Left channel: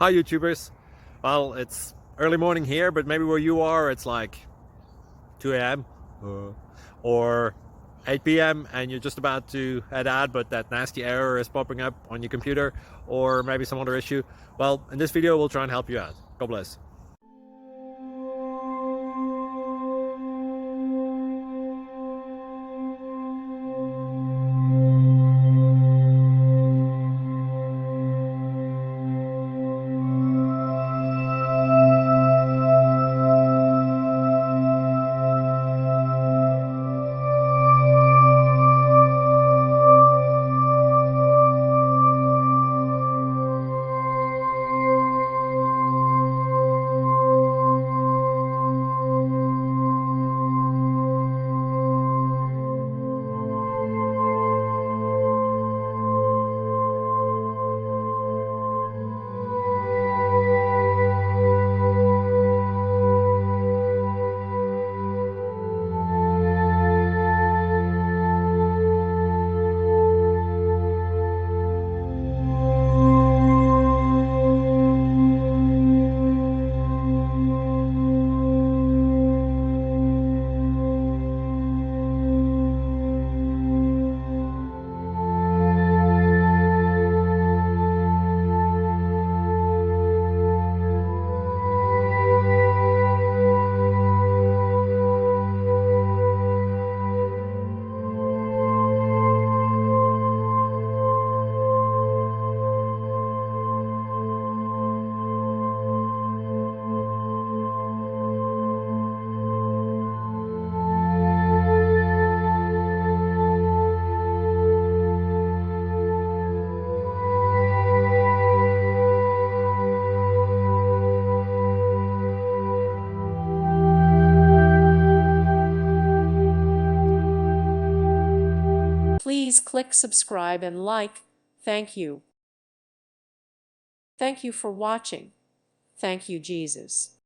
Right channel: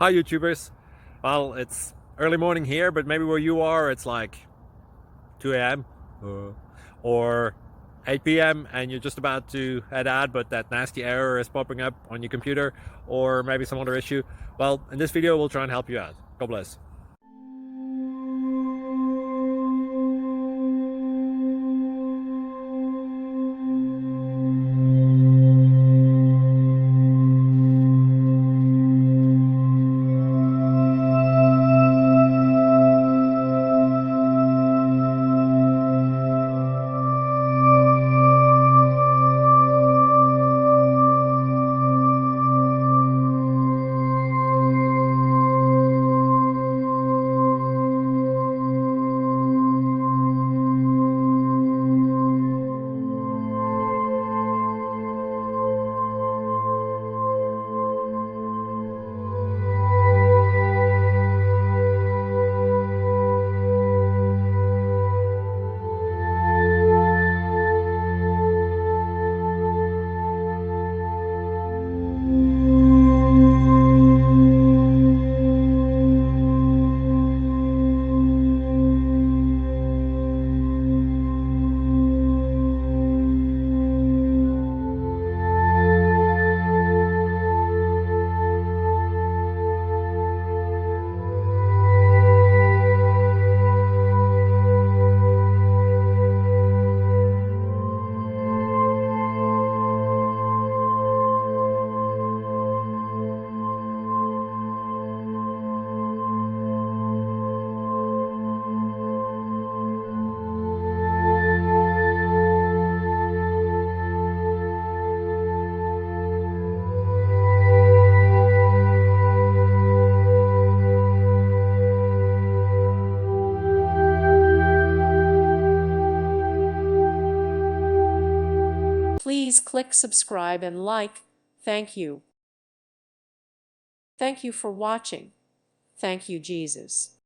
Hi YouTubers. Well, it's early morning here, but maybe where you are it's like 2 a.m. Or 8 p.m. and you're just about to head out, but that nasty error is popping up on your computer, or maybe some other issue. Well, in this video we'll try and help you out. God bless. Please click subscribe and like. Thank you. Thank you for watching. Thank you, Jesus.